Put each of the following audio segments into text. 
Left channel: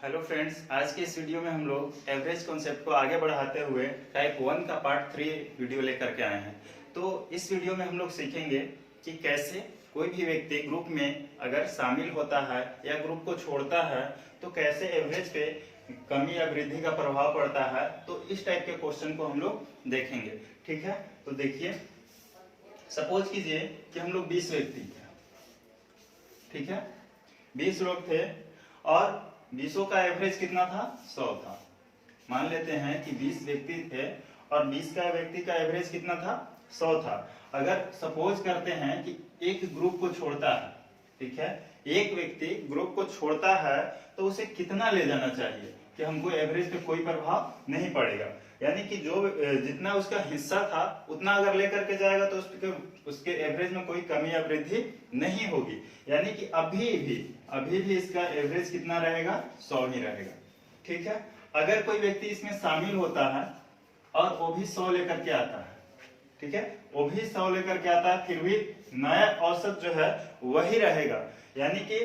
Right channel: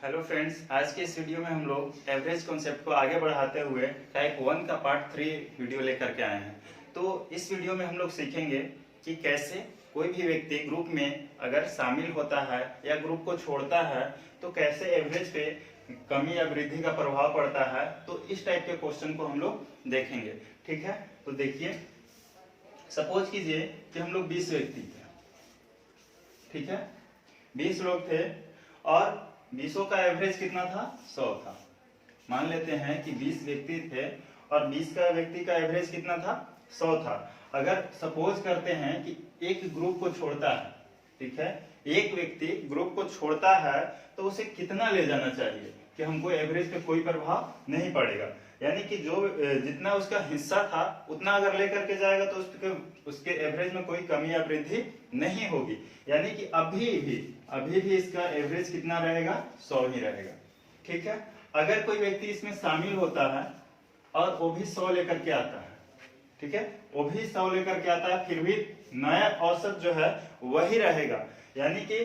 Hello friends, आज के इस वीडियो में हम लोग एवरेज कॉन्सेप्ट को आगे बढ़ाते हुए टाइप 1 का पार्ट 3 वीडियो लेकर के आए हैं। तो इस वीडियो में हम लोग सीखेंगे कि कैसे कोई भी व्यक्ति ग्रुप में अगर शामिल होता है या ग्रुप को छोड़ता है तो कैसे एवरेज पे कमी या वृद्धि का प्रभाव पड़ता है। तो इस टाइप के क्वेश्चन को हम लोग देखेंगे। ठीक है, तो देखिए, सपोज कीजिए कि हम लोग 20 व्यक्ति थे। ठीक है, 20 लोग थे और 20 का एवरेज कितना था? 100 था। मान लेते हैं कि 20 व्यक्ति थे और 20 का व्यक्ति का एवरेज कितना था? 100 था। अगर सपोज करते हैं कि एक ग्रुप को छोड़ता है, ठीक है, एक व्यक्ति ग्रुप को छोड़ता है तो उसे कितना ले जाना चाहिए कि हमको एवरेज पे कोई प्रभाव नहीं पड़ेगा। यानी कि जो जितना उसका हिस्सा था उतना अगर लेकर के जाएगा तो उसके एवरेज में कोई कमी या वृद्धि नहीं होगी। यानी कि अभी भी इसका एवरेज कितना रहेगा? 100 ही रहेगा। ठीक है, अगर कोई व्यक्ति इसमें शामिल होता है और वो भी 100 लेकर के आता है, ठीक है, वो भी 100 लेकर के आता है, फिर भी नया औसत जो है वही रहेगा। यानी कि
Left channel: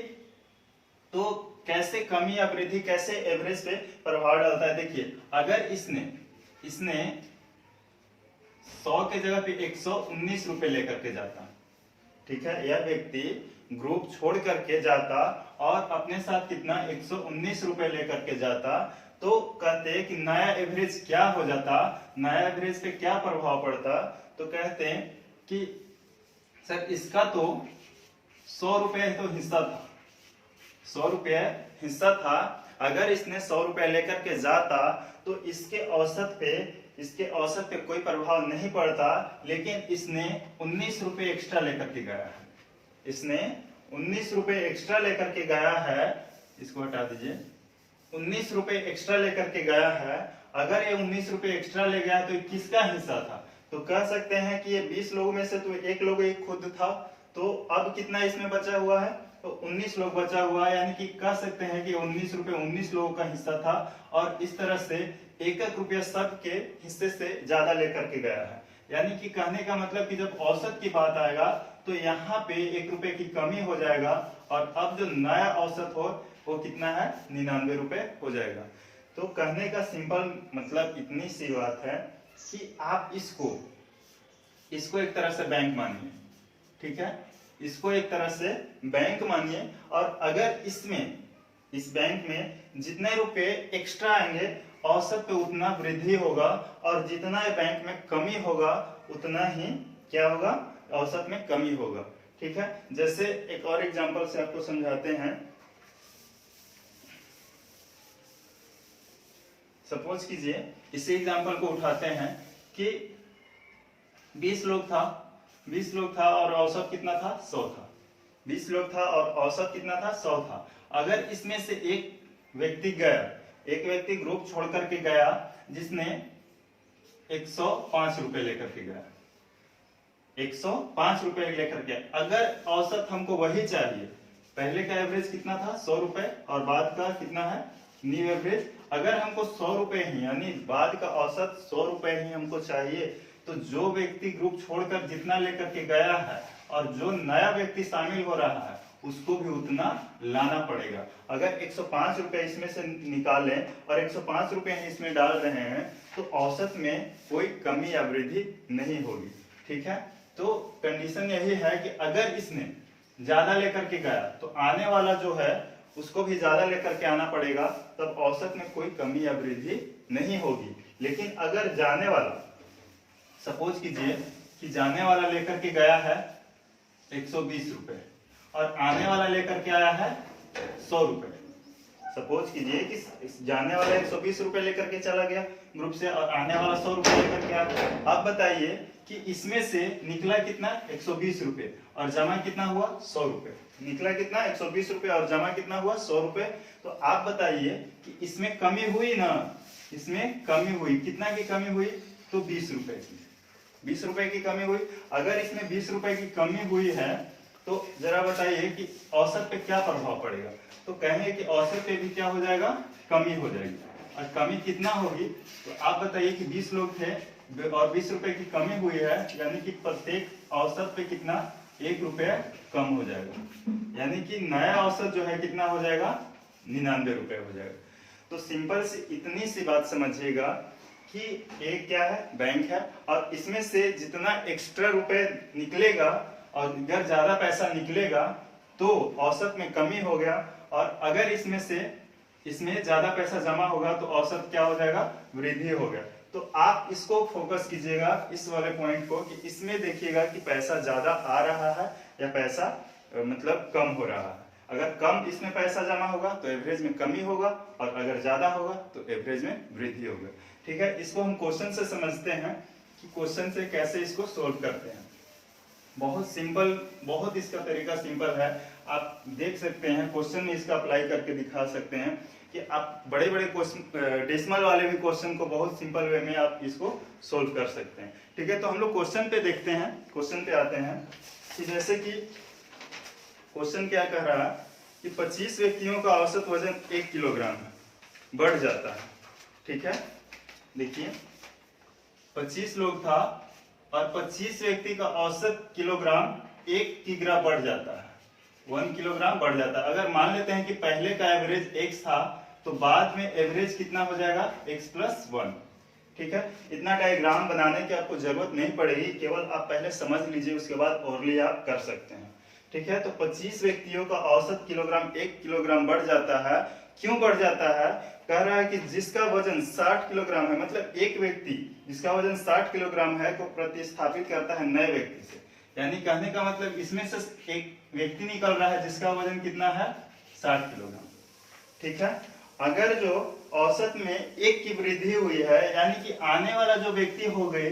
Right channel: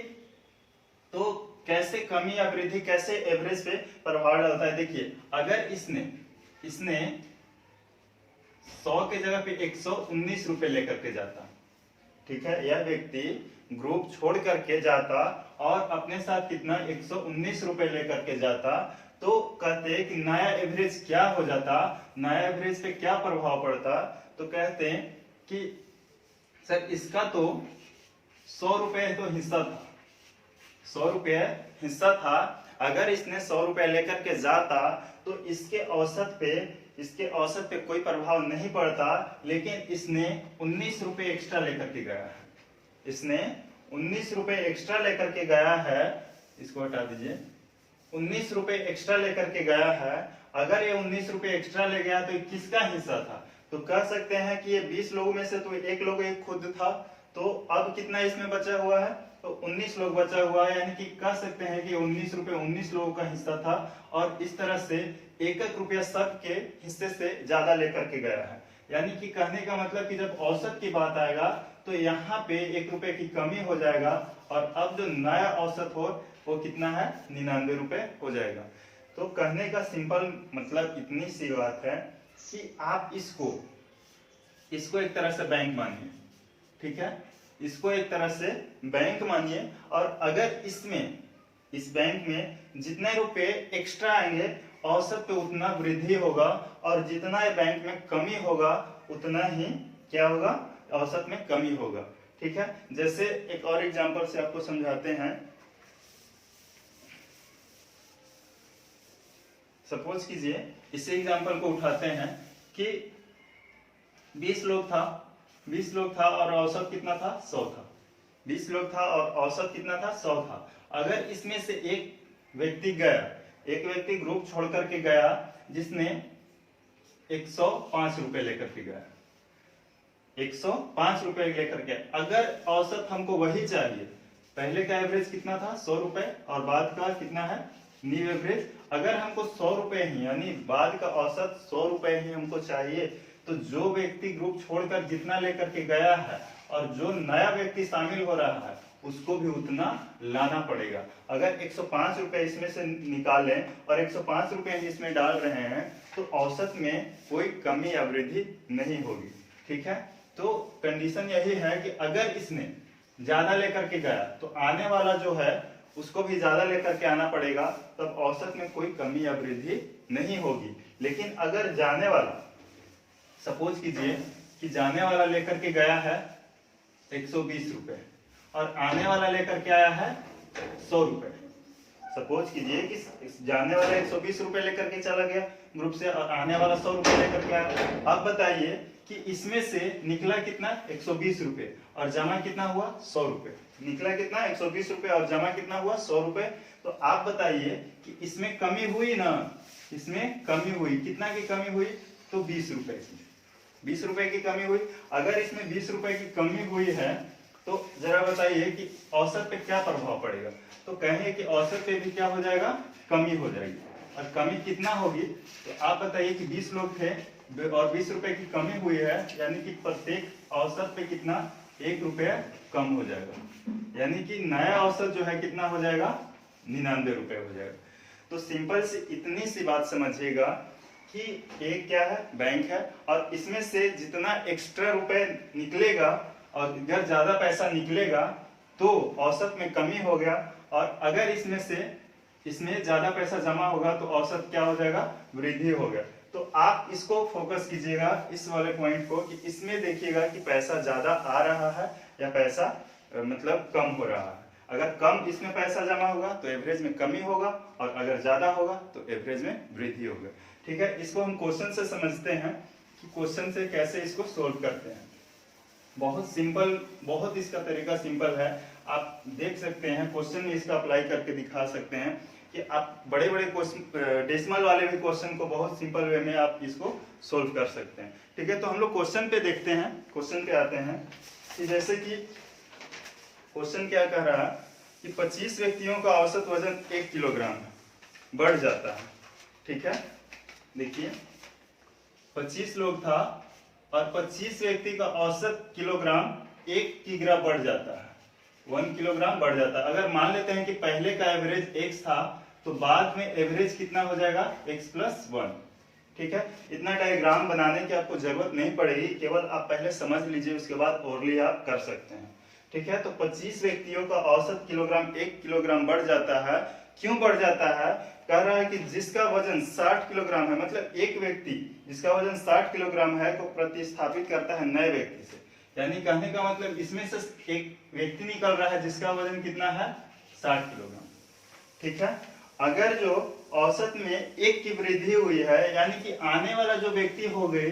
तो कैसे कमी या वृद्धि, कैसे एवरेज पे प्रभाव डालता है? देखिए, अगर इसने 100 के जगह पे 119 रुपए लेकर के जाता, ठीक है, यह व्यक्ति ग्रुप छोड़ करके जाता और अपने साथ कितना 119 रुपए लेकर के जाता, तो कहते हैं कि नया एवरेज क्या हो जाता, नया एवरेज पे क्या प्रभाव पड़ता। तो कहते हैं कि सर इसका तो 100 रुपए तो हिस्सा था, 100 रुपए हिस्सा था। अगर इसने 100 रुपए लेकर के जाता तो इसके औसत पे कोई प्रभाव नहीं पड़ता, लेकिन इसने 19 रुपए एक्स्ट्रा लेकर के गया है। इसने 19 रुपए एक्स्ट्रा लेकर के गया है, इसको हटा दीजिए, 19 रुपए एक्स्ट्रा लेकर के गया है। अगर ये 19 रुपए एक्स्ट्रा ले गया तो ये किसका हिस्सा था? तो कह सकते हैं कि ये 20 लोगों में से तो एक लोग ये खुद था, तो अब कितना इसमें बचा हुआ है? तो 19 लोग बचा हुआ है। यानी कि कह सकते हैं कि 19 रुपए 19 लोगों का हिस्सा था और इस तरह से एक रुपया सबके हिस्से से ज्यादा लेकर के गया है। यानी कि कहने का मतलब कि जब औसत की बात आएगा तो यहाँ पे 1 रुपए की कमी हो जाएगा और अब जो नया औसत हो वो कितना है? 99 रुपए हो जाएगा। तो कहने का सिंपल मतलब इतनी सी बात है कि आप इसको एक तरह से बैंक मानिए। ठीक है, इसको एक तरह से बैंक मानिए और अगर इस बैंक में जितने रुपए एक्स्ट्रा आएंगे औसत पे उतना वृद्धि होगा और जितना बैंक में कमी होगा उतना ही क्या होगा? औसत में कमी होगा। ठीक है, जैसे एक और एग्जांपल से आपको समझाते हैं। सपोज कीजिए, इसी एग्जांपल को उठाते हैं कि 20 लोग था और औसत कितना था? 100 था। 20 लोग था और औसत कितना था? 100 था। अगर इसमें से एक व्यक्ति ग्रुप छोड़ करके गया जिसने 105 रुपए लेकर के गया, 105 रुपए लेकर के। अगर औसत हमको वही चाहिए, पहले का एवरेज कितना था? 100 रुपए और बाद का कितना है? New average. अगर हमको 100 रुपए ही, यानी बाद का औसत 100 रुपए ही हमको चाहिए, तो जो व्यक्ति ग्रुप छोड़कर जितना लेकर के गया है और जो नया व्यक्ति शामिल हो रहा है उसको भी उतना लाना पड़ेगा। अगर 105 रुपए इसमें से निकालें और 105 रुपए इसमें डाल रहे हैं तो औसत में कोई कमी या वृद्धि नहीं होगी। ठीक है, तो कंडीशन यही है कि अगर इसने ज्यादा लेकर के गया तो आने वाला जो है उसको भी ज्यादा लेकर के आना पड़ेगा, तब औसत में कोई कमी या वृद्धि नहीं होगी। लेकिन अगर जाने वाला, सपोज कीजिए कि जाने वाला लेकर के गया है 120 रुपए और आने वाला लेकर के आया है 100 रुपए। सपोज कीजिए कि जाने वाला 120 रुपए लेकर के चला गया ग्रुप से और आने वाला 100 रुपए लेकर के आया। अब बताइए कि इसमें से निकला कितना? 120 रुपए और जमा कितना हुआ? 100 रुपए। निकला कितना? 120 रुपए और जमा कितना हुआ? 100 रुपए। तो आप बताइए कि इसमें कमी हुई ना? इसमें कमी हुई। कितना की कमी हुई? तो 20 रुपए की। 20 रुपए की कमी हुई। अगर इसमें 20 रुपए की कमी हुई है तो जरा बताइए कि औसत पे क्या प्रभाव पड़ेगा? तो कहेंगे कि औसत पे भी क्या हो जाएगा? कमी हो जाएगी। और कमी कितना होगी? तो आप बताइए कि 20 लोग थे और 20 रुपए की कमी हुई है, यानी कि प्रत्येक औसत पे कितना? 1 रुपया कम हो जाएगा। यानी कि नया औसत जो है कितना हो जाएगा? 99 रुपए हो जाएगा। तो सिंपल सी इतनी सी बात समझिएगा कि ये क्या है, बैंक है, और इसमें से जितना एक्स्ट्रा रुपए निकलेगा और अगर ज्यादा पैसा निकलेगा तो औसत में कमी हो गया, और अगर इसमें ज्यादा पैसा जमा होगा तो औसत क्या हो जाएगा, वृद्धि हो गया। तो आप इसको फोकस कीजिएगा, इस वाले पॉइंट को, कि इसमें देखिएगा कि पैसा ज्यादा आ रहा है या पैसा मतलब कम हो रहा है। अगर कम इसमें पैसा जमा होगा तो एवरेज में कमी होगा, और अगर ज्यादा होगा तो एवरेज में वृद्धि होगा। ठीक है, इसको हम क्वेश्चन से समझते हैं कि क्वेश्चन से कैसे इसको सोल्व करते हैं। बहुत सिंपल, बहुत इसका तरीका सिंपल है, आप देख सकते हैं क्वेश्चन में इसका अप्लाई करके दिखा सकते हैं कि आप बड़े बड़े क्वेश्चन, डेसिमल वाले भी क्वेश्चन को बहुत सिंपल वे में आप इसको सोल्व कर सकते हैं। ठीक है, तो हम लोग क्वेश्चन पे देखते हैं, क्वेश्चन पे आते हैं कि जैसे कि क्वेश्चन क्या कह रहा है कि 25 व्यक्तियों का औसत वजन 1 किलोग्राम है, बढ़ जाता है। ठीक है, देखिए 25 लोग था और 25 व्यक्ति का औसत किलोग्राम 1 किग्रा बढ़ जाता है, 1 किलोग्राम बढ़ जाता है। अगर मान लेते हैं कि पहले का एवरेज x था तो बाद में एवरेज कितना हो जाएगा, x + 1। ठीक है, इतना डायग्राम बनाने की आपको जरूरत नहीं पड़ेगी, केवल आप पहले समझ लीजिए, उसके बाद ओरली आप कर सकते हैं। ठीक है, तो 25 व्यक्तियों का औसत किलोग्राम 1 किलोग्राम बढ़ जाता है। क्यों बढ़ जाता है, कह रहा है कि जिसका वजन 60 किलोग्राम है, मतलब एक व्यक्ति जिसका वजन 60 किलोग्राम है को प्रतिस्थापित करता है नए व्यक्ति से। यानी कहने का मतलब इसमें से एक व्यक्ति निकल रहा है जिसका वजन कितना है, 60 किलोग्राम। ठीक है, अगर जो औसत में 1 की वृद्धि हुई है, यानी कि आने वाला जो व्यक्ति हो गए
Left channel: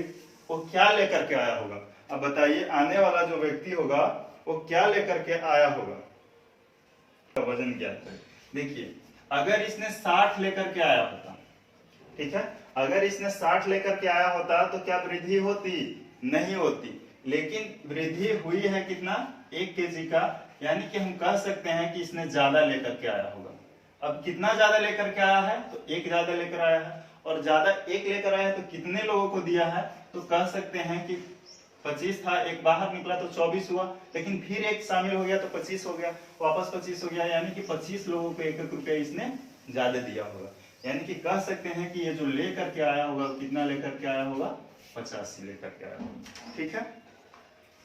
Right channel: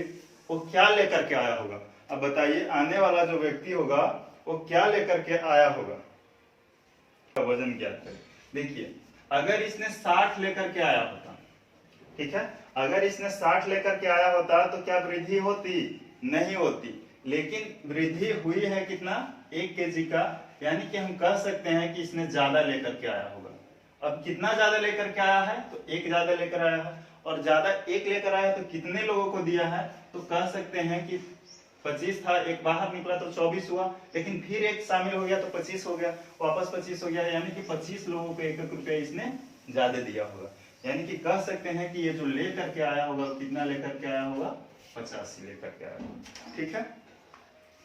वो क्या लेकर के आया होगा। अब बताइए, आने वाला जो व्यक्ति होगा वो क्या लेकर के आया होगा, वजन ज्ञात करें। देखिए, अगर इसने 60 लेकर के आया होता, ठीक है, अगर इसने 60 लेकर के आया होता तो क्या वृद्धि होती, नहीं होती। लेकिन वृद्धि हुई है कितना, 1 केजी का, यानी कि हम कह सकते हैं कि इसने ज्यादा लेकर के आया होगा। अब कितना ज्यादा लेकर के आया है, तो 1 ज्यादा लेकर आया है, और ज्यादा 1 लेकर आया है तो कितने लोगों को दिया है, तो कह सकते हैं कि 25 था, 1 बाहर निकला तो 24 हुआ, लेकिन फिर 1 शामिल हो गया तो 25 हो गया, वापस 25 हो गया, यानी कि 25 लोगों को 1-1 रुपया इसने ज्यादा दिया होगा। यानी कि कह सकते हैं कि ये जो लेकर के आया होगा, कितना लेकर के आया होगा, 85 लेकर के आया होगा। ठीक है,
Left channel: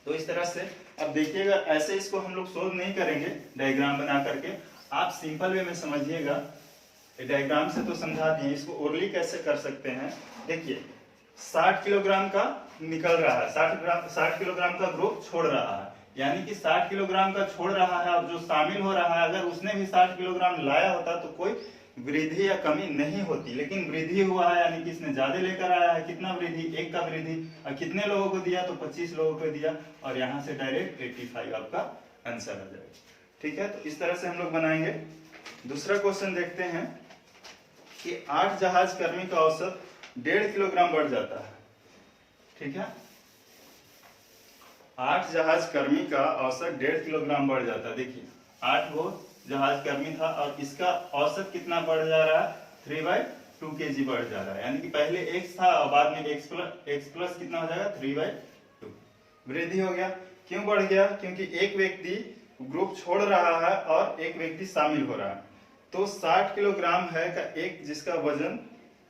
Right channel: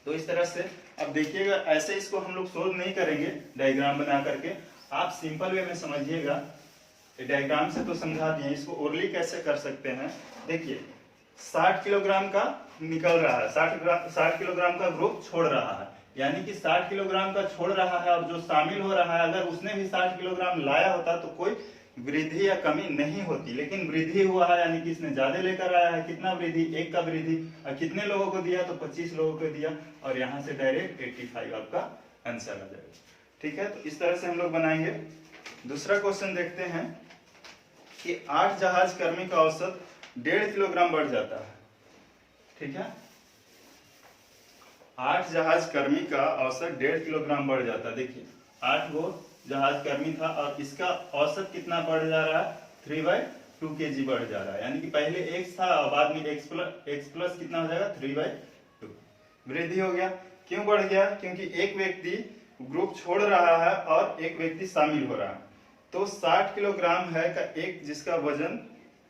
तो इस तरह से अब देखिएगा, ऐसे इसको हम लोग सोल्व नहीं करेंगे डायग्राम बना करके, आप सिंपल वे में समझिएगा। डायग्राम से तो समझा दिए, इसको ओरली कैसे कर सकते हैं। देखिए 60 किलोग्राम का निकल रहा है, 60 किलोग्राम का ग्रुप छोड़ रहा है, यानी कि 60 किलोग्राम का छोड़ रहा है, और जो शामिल हो रहा है, अगर उसने भी 60 किलोग्राम लाया होता तो कोई वृद्धि या कमी नहीं होती, लेकिन वृद्धि हुआ है, यानी कि इसने ज्यादा लेकर आया है। कितना वृद्धि, 1 का वृद्धि, और कितने लोगों को दिया, तो 25 लोगों को दिया, और यहाँ से डायरेक्ट 85 आपका आंसर आ जाएगा। ठीक है, तो इस तरह से हम लोग बनाएंगे। दूसरा क्वेश्चन देखते हैं कि 8 जहाज कर्मी का औसत 1.5 किलोग्राम बढ़ जाता है। ठीक है, 8 जहाज कर्मी का औसत 1.5 किलोग्राम बढ़ जाता है। देखिए 8 गो जहाज कर्मी था और इसका औसत कितना बढ़ जा रहा है, 3/2 kg बढ़ जा रहा है, यानी कि पहले x था और बाद में x प्लस कितना हो जाएगा, 3/2 वृद्धि हो गया। क्यों बढ़ गया, क्योंकि एक व्यक्ति ग्रुप छोड़ रहा है और एक व्यक्ति शामिल हो रहा है। तो 60 किलोग्राम है का एक, जिसका वजन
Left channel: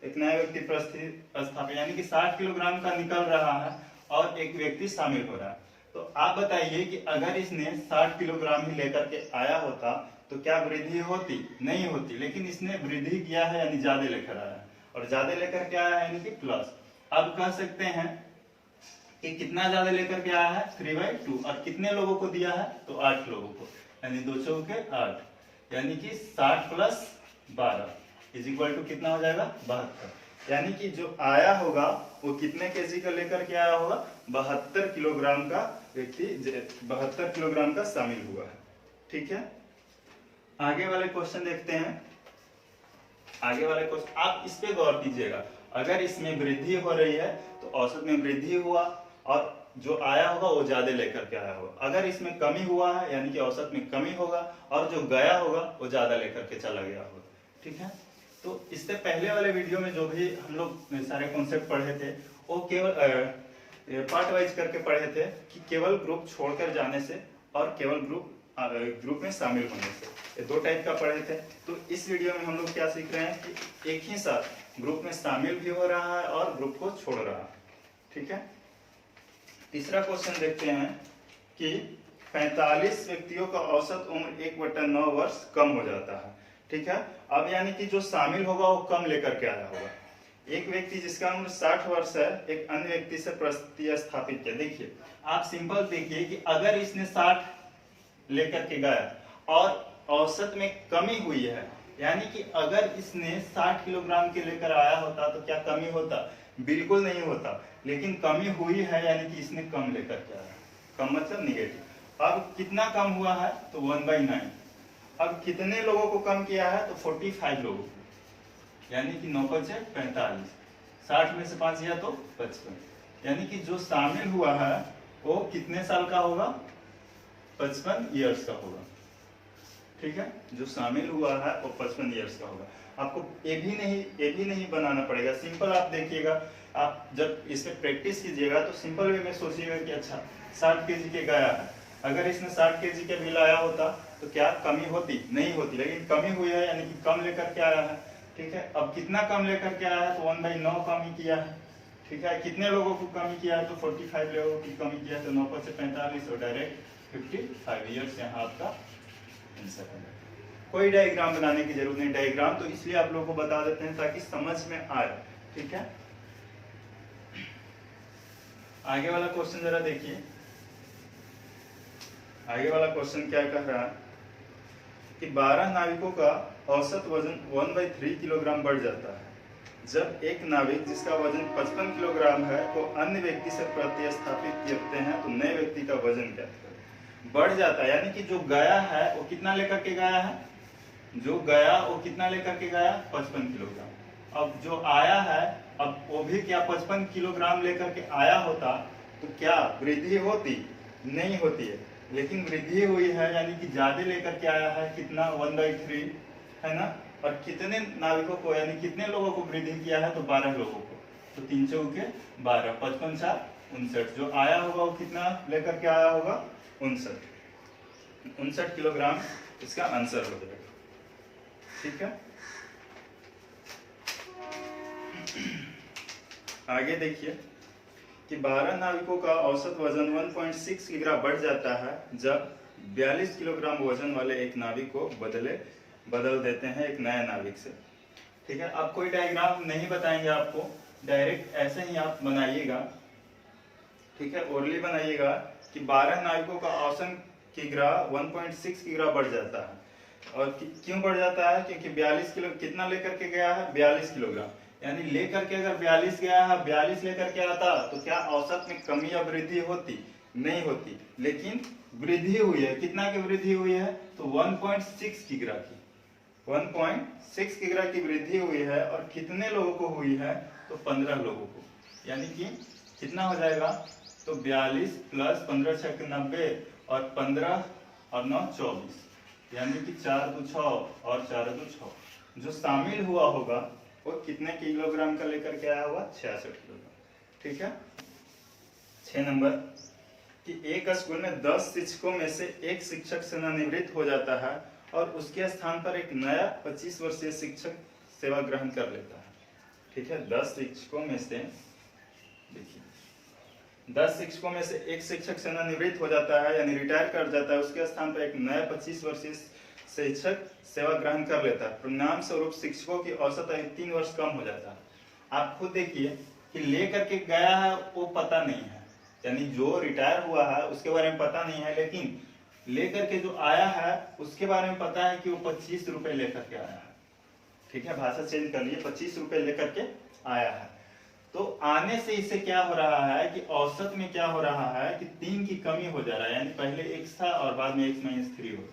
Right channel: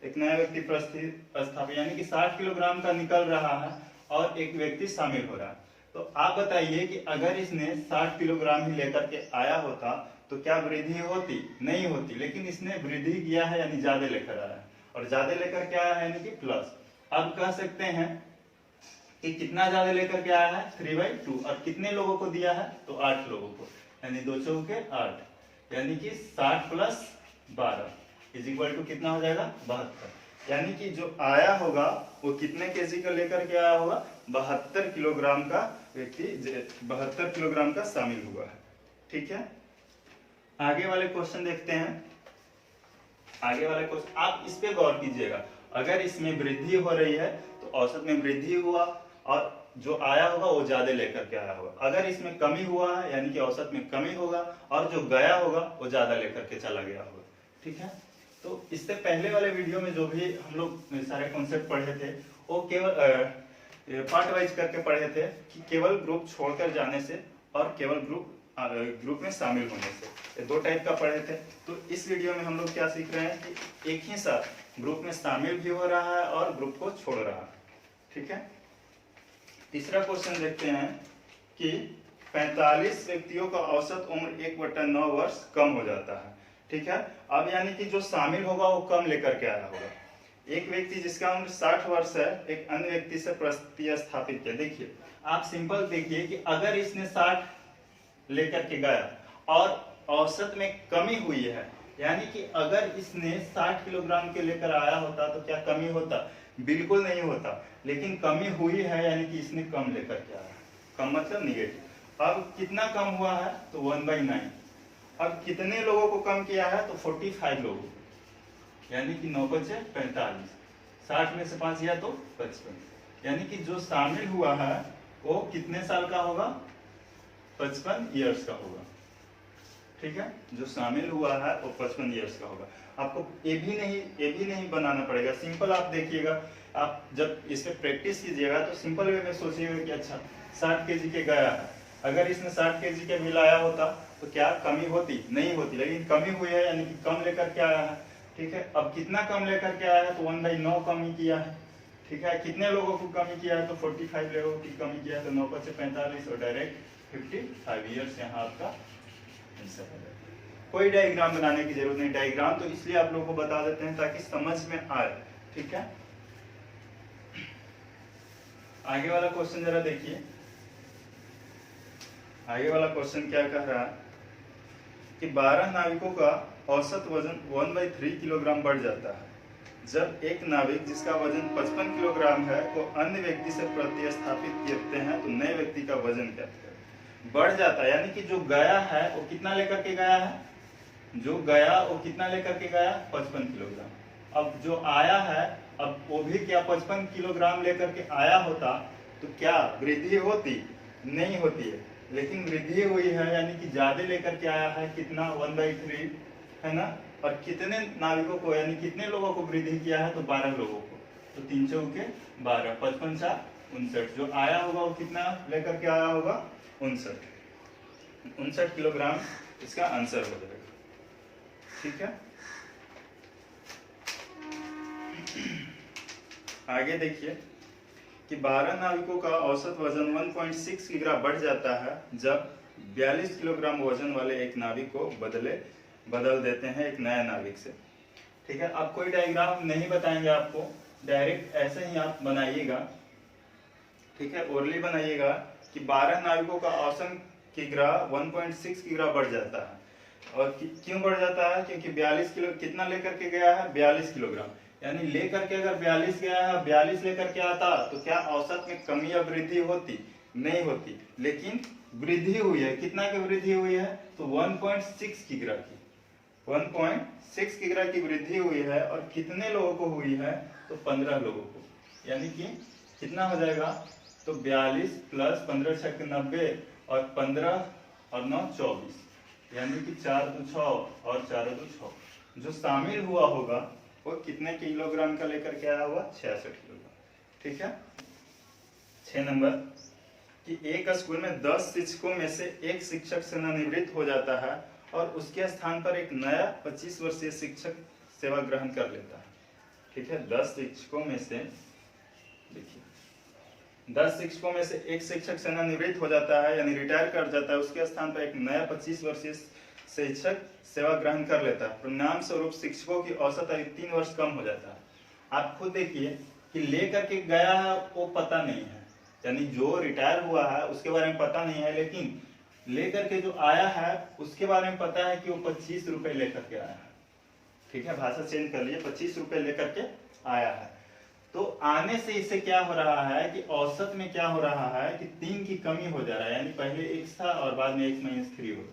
एक नया व्यक्ति प्रतिस्थापित, यानी कि 60 किलोग्राम का निकल रहा है और एक व्यक्ति शामिल हो रहा है। तो आप बताइए कि अगर इसने 60 किलोग्राम ही लेकर के आया होता तो क्या वृद्धि होती, नहीं होती, लेकिन इसने वृद्धि किया है, यानी ज्यादा लेकर आया है, और ज्यादा लेकर के आया है यानी कि प्लस। अब कह सकते हैं कि कितना ज्यादा लेकर के आया है, 3/2, और कितने लोगों को दिया है, तो 8 लोगों को, यानी 2 चौके 8, यानी कि 60 + 12 = कितना हो जाएगा, 72। यानी कि जो आया होगा वो कितने केजी का लेकर के आया होगा, 72 किलोग्राम का व्यक्ति 72 किलोग्राम का शामिल हुआ है। ठीक है, आगे वाले क्वेश्चन देखते हैं। आगे वाले क्वेश्चन आप इस पे गौर कीजिएगा, अगर इसमें वृद्धि हो रही है तो औसत में वृद्धि हुआ और जो आया होगा वो ज्यादा लेकर के आया होगा। अगर इसमें कमी हुआ है यानी कि औसत में कमी होगा, और जो गया होगा वो ज्यादा लेकर के चला गया होगा। ठीक है, तो इससे पहले वाले वीडियो में जो भी हम लोग सारे कॉन्सेप्ट पढ़े थे वो केवल पार्ट वाइज करके पढ़े थे, कि केवल ग्रुप छोड़कर जाने से और केवल ग्रुप ग्रुप में शामिल होने से। ये दो टाइप का पढ़े थे। तो इस वीडियो में हम लोग क्या सीख रहे हैं कि एक ही साथ ग्रुप में शामिल भी हो रहा है और ग्रुप को छोड़ रहा है। ठीक है, तीसरा क्वेश्चन देखते हैं कि 45 व्यक्तियों का औसत उम्र 1/9 वर्ष कम हो जाता है। ठीक है, अब यानी कि जो शामिल होगा वो कम लेकर के आया होगा। एक व्यक्ति जिसका उम्र 60 वर्ष है एक अन्य व्यक्ति से प्रतिस्थापित किया। देखिए आप सिंपल देखिए कि अगर इसने 60 लेकर के गया और औसत में कमी हुई है, यानी कि अगर इसने 60 किलोग्राम के लेकर आया होता तो क्या कमी होता? बिल्कुल नहीं होता, लेकिन कमी हुई है यानी कि इसने कम लेकर के आया। कम मतलब निगेटिव। अब कितना कम हुआ है? तो 1/9। अब कितने लोगों को कम किया है? तो 45 लोगों को, यानी कि 9 बचे 45। 60 में से 5 गया तो 55, यानी कि जो शामिल हुआ है वो कितने साल का होगा? 55 ईयर्स का होगा। ठीक है, जो शामिल हुआ है वो 55 ईयर्स का होगा। आपको ये भी नहीं बनाना पड़ेगा। सिंपल आप देखिएगा, आप जब इस पे प्रैक्टिस कीजिएगा तो सिंपल वे में सोचिएगा कि अच्छा 60 केजी के गया है, अगर इसने 60 केजी के भी लाया होता तो क्या कमी होती? नहीं होती, लेकिन कमी हुई है यानी कि कम लेकर के आया है। ठीक है, अब कितना कम लेकर के आया है? तो 1/9 कमी किया है। ठीक है, कितने लोगों को कमी किया है? तो 45 लोगों की कमी किया है। तो 9 पर से 45 और डायरेक्ट 55 ईयर्स यहाँ आपका आंसर हो जाएगा। कोई डायग्राम बनाने की जरूरत नहीं। डायग्राम तो इसलिए आप लोगों को बता देते हैं ताकि समझ में आए। ठीक है, आगे वाला क्वेश्चन जरा देखिए। आगे वाला क्वेश्चन क्या कह रहा है कि 12 नाविकों का औसत वजन 1/3 किलोग्राम बढ़ जाता है जब एक नाविक जिसका वजन 55 किलोग्राम है को अन्य व्यक्ति से प्रतिस्थापित करते हैं तो नए व्यक्ति का वजन क्या है? बढ़ जाता है, यानी कि जो गया है वो कितना लेकर के गया है? जो गया वो कितना लेकर के गया? 55 किलोग्राम। अब जो आया है, अब वो भी क्या 55 किलोग्राम लेकर के आया होता तो क्या वृद्धि होती? नहीं होती है, लेकिन वृद्धि हुई है यानी कि ज्यादा लेकर के आया है। कितना? 1/3 है ना। और कितने नाविकों को यानी कितने लोगों को वृद्धि किया है? तो 12 लोगों को। तो 3 चौके 12, 55 4 59। जो आया होगा वो कितना लेकर के आया होगा? 59 किलोग्राम इसका आंसर हो जाएगा। ठीक है, आगे देखिए कि 12 नाविकों का औसत वजन 1.6 किलोग्राम बढ़ जाता है जब 42 किलोग्राम वजन वाले एक नाविक को बदल देते हैं एक नए नाविक से। ठीक है, अब कोई डायग्राम नहीं बताएंगे आपको, डायरेक्ट ऐसे ही आप बनाइएगा। ठीक है, ओरली बनाइएगा कि 12 नाविकों का औसत किग्रा 1.6 किग्रा बढ़ जाता है। और क्यों बढ़ जाता है? क्योंकि 42 किलो कितना लेकर के गया है? 42 किलोग्राम। यानी लेकर के अगर 42 गया है, 42 लेकर के आता तो क्या औसत में कमी या वृद्धि होती? नहीं होती, लेकिन वृद्धि हुई है। कितना की वृद्धि हुई है? तो 1.6 किग्रा की 1.6 किग्रा की वृद्धि हुई है। और कितने लोगों को हुई है? तो 15 लोगों को। यानी कि कितना हो जाएगा? तो 42 प्लस 15 6 90 और 15 और 9 24, यानी कि 4 2 6 और 4 2 6। जो शामिल हुआ होगा वो कितने किलोग्राम का लेकर के आया हुआ? 66 किलोग्राम। ठीक है, 6 नंबर कि एक स्कूल में 10 शिक्षकों में से एक शिक्षक सेवानिवृत्त हो जाता है और उसके स्थान पर एक नया 25 वर्षीय शिक्षक सेवा ग्रहण कर लेता है। ठीक है, 10 शिक्षकों में से देखिए 10 शिक्षकों में से एक शिक्षक सेवानिवृत्त हो जाता है यानी रिटायर कर जाता है, उसके स्थान पर एक नया 25 वर्षीय शिक्षक सेवा ग्रहण कर लेता है। परिणाम स्वरूप शिक्षकों की औसत आयु 3 वर्ष कम हो जाता है। आप खुद देखिए कि लेकर के गया है वो पता नहीं है, यानी जो रिटायर हुआ है उसके बारे में पता नहीं है, लेकिन लेकर के जो आया है उसके बारे में पता है कि वो 25 रुपए लेकर के आया है। ठीक है, भाषा चेंज कर लिए, 25 रुपए लेकर के आया है। तो आने से इससे क्या हो रहा है कि औसत में क्या हो रहा है कि 3 की कमी हो जा रहा है, यानी पहले x था और बाद में x-3 हो।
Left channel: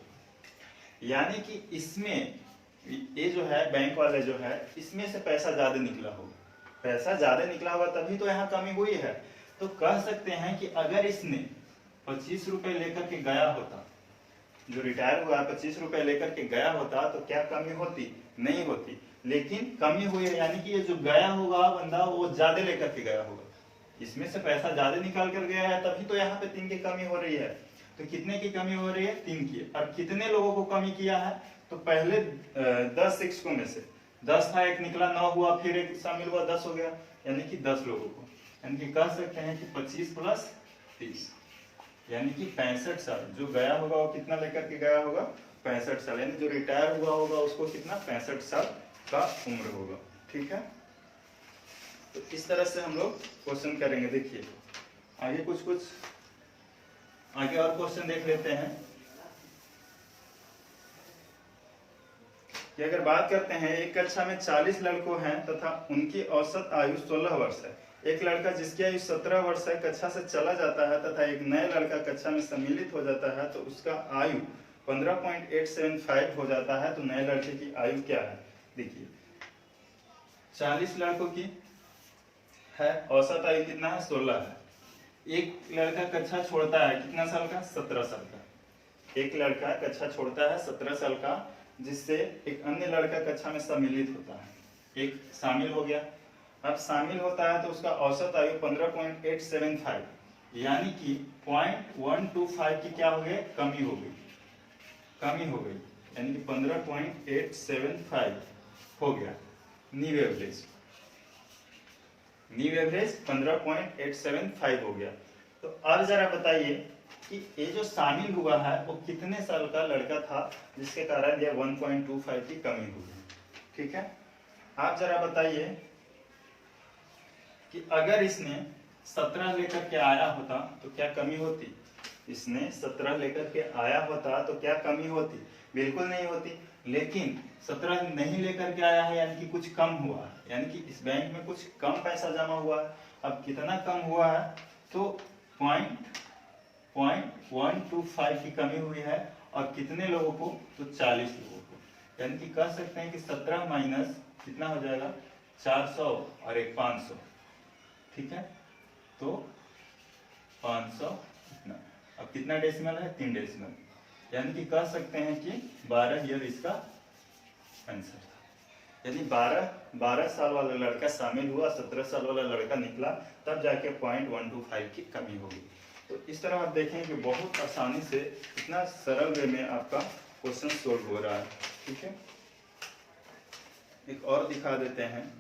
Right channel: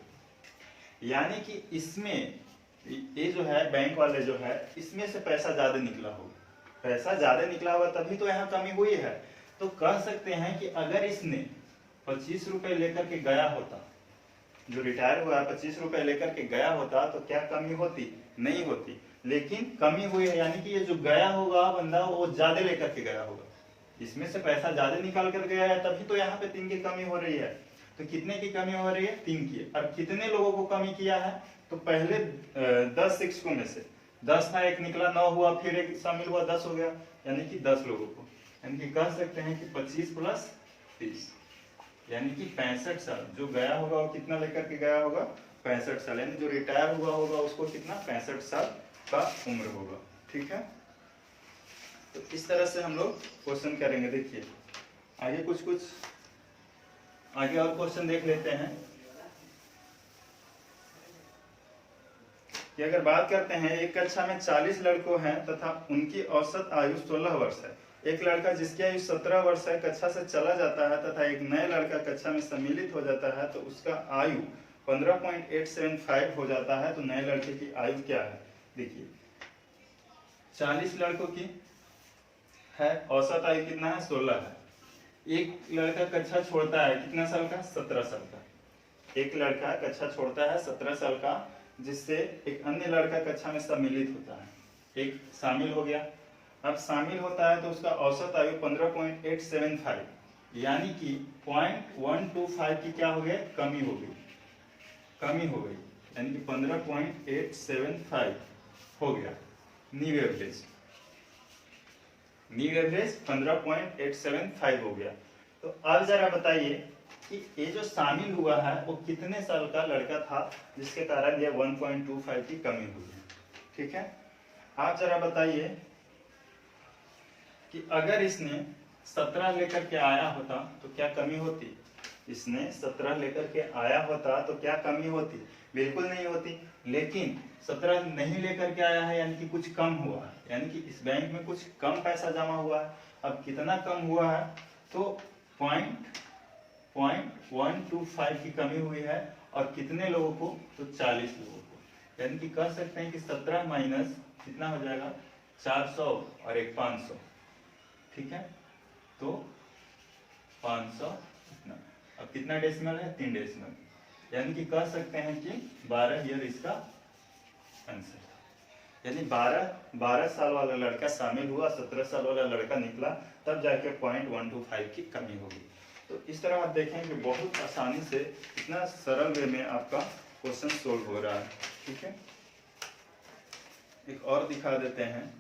यानी कि इसमें ये जो है बैंक वाले जो है इसमें से पैसा ज्यादा निकला होगा। पैसा ज्यादा निकला होगा तभी तो यहाँ कमी हुई है। तो कह सकते हैं कि अगर इसने 25 रुपए लेकर के गया होता, जो रिटायर हुआ है 25 रुपए लेकर के गया होता तो क्या कमी होती? नहीं होती, लेकिन कमी हुई है। यानी कि ये जो गया होगा बंदा वो ज्यादा लेकर के गया होगा, इसमें से पैसा ज्यादा निकाल कर गया है तभी तो यहाँ पे 3 की कमी हो रही है। तो कितने की कमी हो रही है? 3 की। और कितने लोगों को कमी किया है? तो पहले 10 शिक्षकों में से 10 था, एक निकला, 9 हुआ, फिर एक शामिल हुआ, 10 हो गया, यानी कि 10 लोगों को, यानी कि कह सकते हैं कि 25 प्लस 30 यानी कि 65 साल। जो गया होगा वो कितना लेकर के गया होगा? 65 साल। यानी जो रिटायर हुआ होगा उसको कितना? 65 साल का उम्र होगा। ठीक है, तो इस तरह से हम लोग क्वेश्चन करेंगे। देखिए आगे कुछ आगे और क्वेश्चन देख लेते हैं कि अगर बात करते हैं एक कक्षा में 40 लड़कों हैं तथा उनकी औसत आयु 16 वर्ष है। एक लड़का जिसकी आयु 17 वर्ष है कक्षा से चला जाता है तथा एक नया लड़का कक्षा में सम्मिलित हो जाता है तो उसका आयु 15.875 हो जाता है। तो नए लड़के की आयु क्या है? देखिए 40 लड़कों की है, औसत आयु कितना है? 16 है। एक लड़का कक्षा छोड़ता है कितना साल का? 17 साल का। एक लड़का कक्षा छोड़ता है 17 साल का, जिससे एक अन्य लड़का कक्षा में सम्मिलित होता है। एक शामिल हो गया। अब शामिल होता है तो उसका औसत आयु 15.875 यानी कि 0.125 की क्या हो गई? कमी हो गई, यानी कि 15.875 हो गया। न्यू एवरेज 15.875 हो गया। तो अब जरा बताइए कि ये जो शामिल हुआ है वो कितने साल का लड़का था जिसके कारण ये 1.25 की कमी हुई है? ठीक है, आप जरा बताइए कि अगर इसने 17 लेकर के आया होता तो क्या कमी होती? इसने 17 लेकर के आया होता तो क्या कमी होती? बिल्कुल नहीं होती। लेकिन 17 नहीं लेकर के आया है यानी कि कुछ कम हुआ है, यानी कि इस बैंक में कुछ कम पैसा जमा हुआ है। अब कितना कम हुआ है? तो 0.125 की कमी हुई है। और कितने लोगों को? तो 40 लोगों को। यानी कि कह सकते हैं कि 17 माइनस कितना हो जाएगा? 400 और एक 500। ठीक है, तो 500 इतना। अब कितना डेसिमल है? 3 डेसिमल। यानी कि कह सकते हैं कि 12 ईयर इसका आंसर था। यानी 12 साल वाला लड़का शामिल हुआ, 17 साल वाला लड़का निकला, तब जाके 0.125 की कमी होगी। तो इस तरह आप देखें कि बहुत आसानी से इतना सरल वे में आपका क्वेश्चन सोल्व हो रहा है। ठीक है, एक और दिखा देते हैं।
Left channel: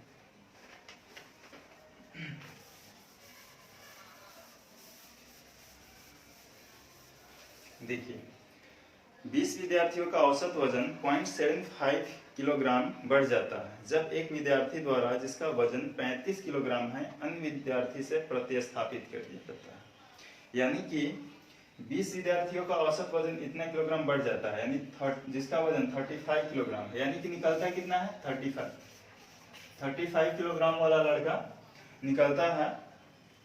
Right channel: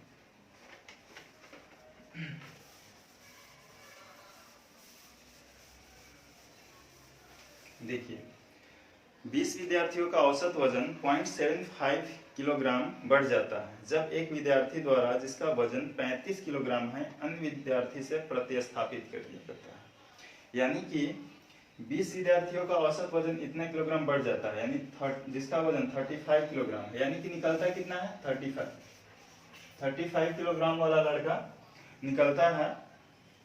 देखिए 20 विद्यार्थियों का औसत वजन 0.75 किलोग्राम बढ़ जाता है जब एक विद्यार्थी द्वारा जिसका वजन 35 किलोग्राम है अन्य विद्यार्थी से प्रतिस्थापित कर दिया जाता है। यानी कि 20 विद्यार्थियों का औसत वजन इतना किलोग्राम बढ़ जाता है, यानी जिसका वजन 35 किलोग्राम है, यानी कि निकलता कितना है? 35 किलोग्राम वाला लड़का निकलता है।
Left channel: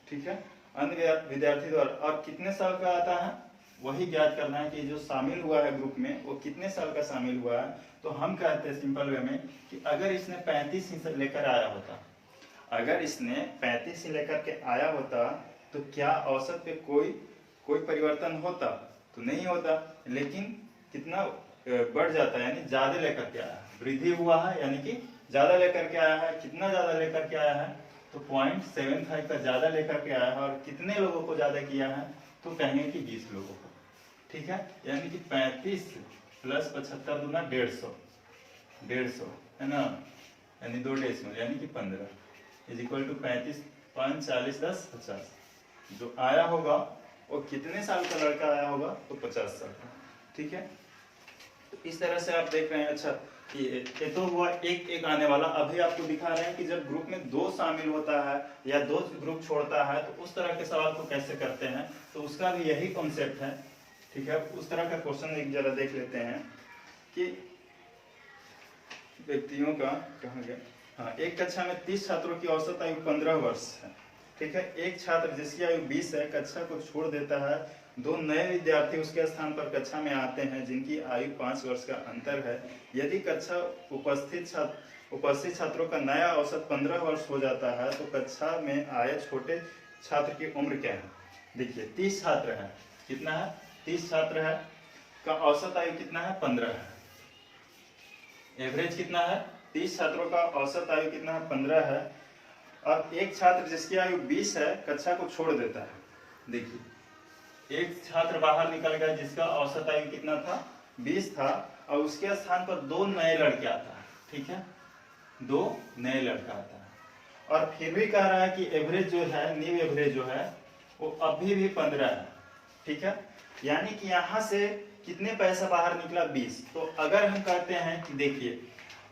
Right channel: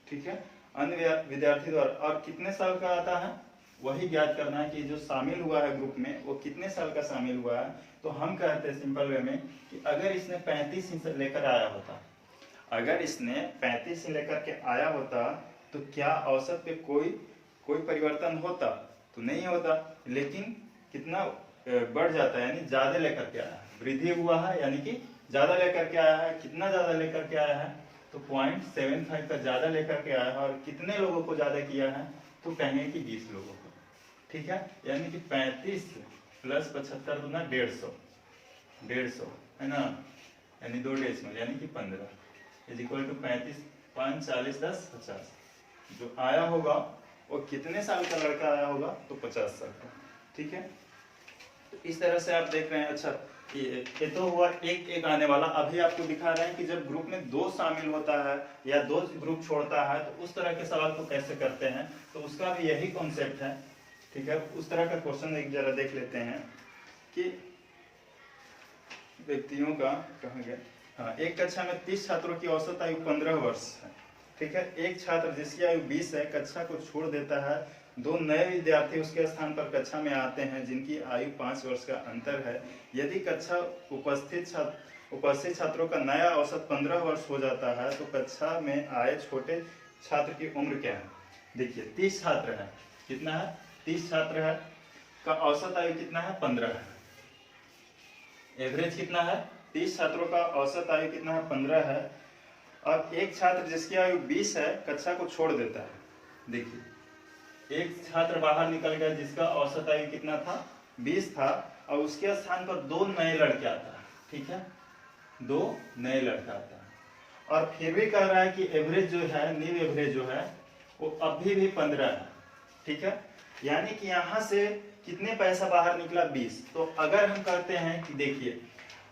ठीक है, अन्य विद्यार्थी द्वारा। और कितने साल का आता है वही ज्ञात करना है कि जो शामिल हुआ है ग्रुप में वो कितने साल का शामिल हुआ है। तो हम कहते हैं सिंपल वे में कि अगर इसने 35 ही लेकर आया होता, अगर इसने 35 ही लेकर के आया होता तो क्या औसत पे कोई परिवर्तन होता? तो नहीं होता। लेकिन कितना बढ़ जाता है, यानी ज्यादा लेकर के आया है, वृद्धि हुआ है, यानी कि ज्यादा लेकर के आया है। कितना ज्यादा लेकर के आया है? तो 0.75 का ज्यादा लेकर के आया है। और कितने लोगों को ज्यादा किया है? तो कहेंगे कि 20 लोगों को। ठीक है, यानी कि 35 प्लस 75 दूना 150 है ना, यानी 2 डेसिमल, यानी कि 15 इज इक्वल टू 35 5 40 10 50। जो आया होगा वो कितने साल का लड़का आया होगा? तो 50 साल का। ठीक है, तो इस तरह से आप देख रहे हैं। अच्छा, ये तो हुआ एक आने वाला। अभी आपको दिखा रहे हैं कि जब ग्रुप में 2 शामिल होता है या 2 ग्रुप छोड़ता है तो उस तरह के सवाल को कैसे करते हैं, तो उसका भी यही कॉन्सेप्ट है। ठीक है, उस तरह का क्वेश्चन एक जरा देख लेते हैं कि व्यक्तियों का कहाँ गया। हाँ, एक कक्षा में 30 छात्रों की औसत आयु 15 वर्ष है। ठीक है, एक छात्र जिसकी आयु 20 है कक्षा को छोड़ देता है। 2 नए विद्यार्थी उसके स्थान पर कक्षा में आते हैं जिनकी आयु 5 वर्ष का अंतर है। यदि कक्षा उपस्थित छात्रों का नया औसत 15 वर्ष हो जाता है तो कक्षा में आए छोटे छात्र की उम्र क्या है? देखिए 30 छात्र है, कितना है? 30 छात्र है का औसत आयु कितना है? 15 है। एवरेज कितना है? 30 छात्रों का औसत आयु कितना है? 15 है। और एक छात्र जिसकी आयु 20 है कक्षा को छोड़ देता है। देखिए एक छात्र बाहर निकल गया जिसका औसत आयु कितना था, 20 था, और उसके स्थान पर 2 नए लड़के आता है। ठीक है, 2 नए लड़का आता है, और फिर भी कह रहा है कि एवरेज जो है, न्यू एवरेज जो है वो अभी भी 15 है। ठीक है, यानी कि यहाँ से कितने पैसा बाहर निकला, 20। तो अगर हम कहते हैं कि देखिए,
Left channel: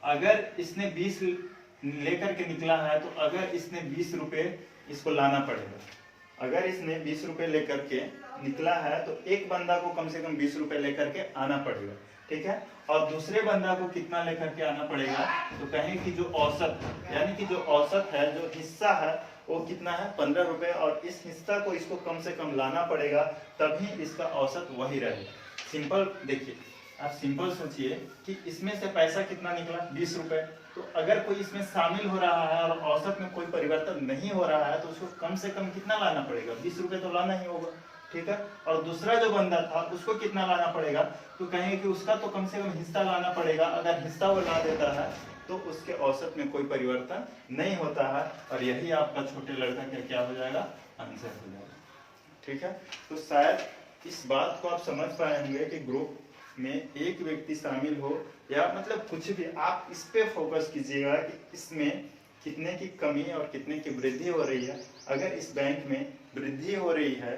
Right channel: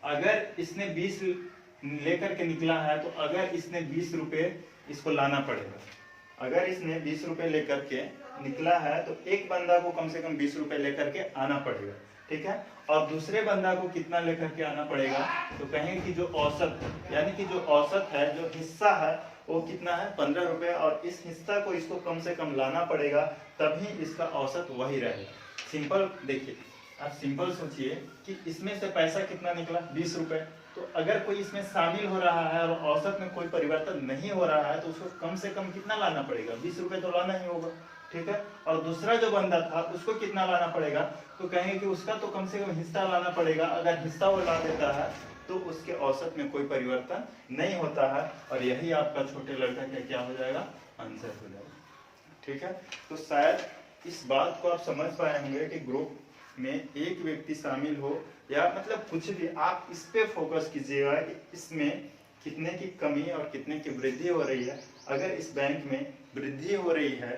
अगर इसने 20 लेकर के निकला है, तो अगर इसने 20 रुपए इसको लाना पड़ेगा। अगर इसने 20 रुपए लेकर के निकला है तो एक बंदा को कम से कम 20 रुपए लेकर के आना पड़ेगा। ठीक है, और दूसरे बंदा को कितना लेकर के आना पड़ेगा, तो कहेंगे कि जो औसत, यानी कि जो औसत है, जो हिस्सा है वो कितना है, 15 रुपए, और इस हिस्सा को इसको कम से कम लाना पड़ेगा, तभी इसका औसत वही रहेगा। सिंपल देखिए, आप सिंपल सोचिए कि इसमें से पैसा कितना निकला, 20 रुपए। तो अगर कोई इसमें शामिल हो रहा है और औसत में कोई परिवर्तन नहीं हो रहा है, तो उसको कम से कम कितना लाना पड़ेगा, 20 रुपए तो लाना ही होगा। ठीक है, और दूसरा जो बंदा था उसको कितना लाना पड़ेगा, तो कहेंगे कि उसका तो कम से कम हिस्सा लाना पड़ेगा। अगर हिस्सा वो ला देता है तो उसके औसत में कोई परिवर्तन नहीं होता है, और यही आपका छोटे लड़का का क्या हो जाएगा, आंसर हो जाएगा। ठीक है, तो शायद इस बात को आप समझ पाए होंगे कि ग्रुप में एक व्यक्ति शामिल हो या मतलब कुछ भी, आप इस पे फोकस कीजिएगा कि इसमें कितने की कमी और कितने की वृद्धि हो रही है। अगर इस बैंक में वृद्धि हो रही है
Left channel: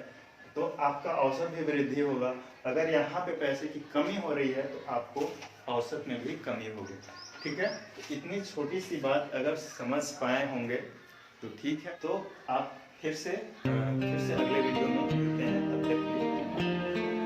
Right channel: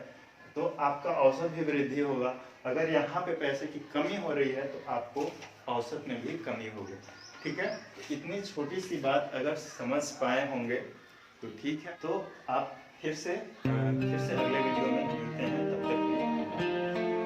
तो आपका औसत भी वृद्धि होगा, अगर यहाँ पे पैसे की कमी हो रही है तो आपको औसत में भी कमी होगी। ठीक है, तो इतनी छोटी सी बात अगर समझ पाए होंगे तो ठीक है। तो आप फिर से अगले वीडियो में मिलते हैं, तब तक के लिए।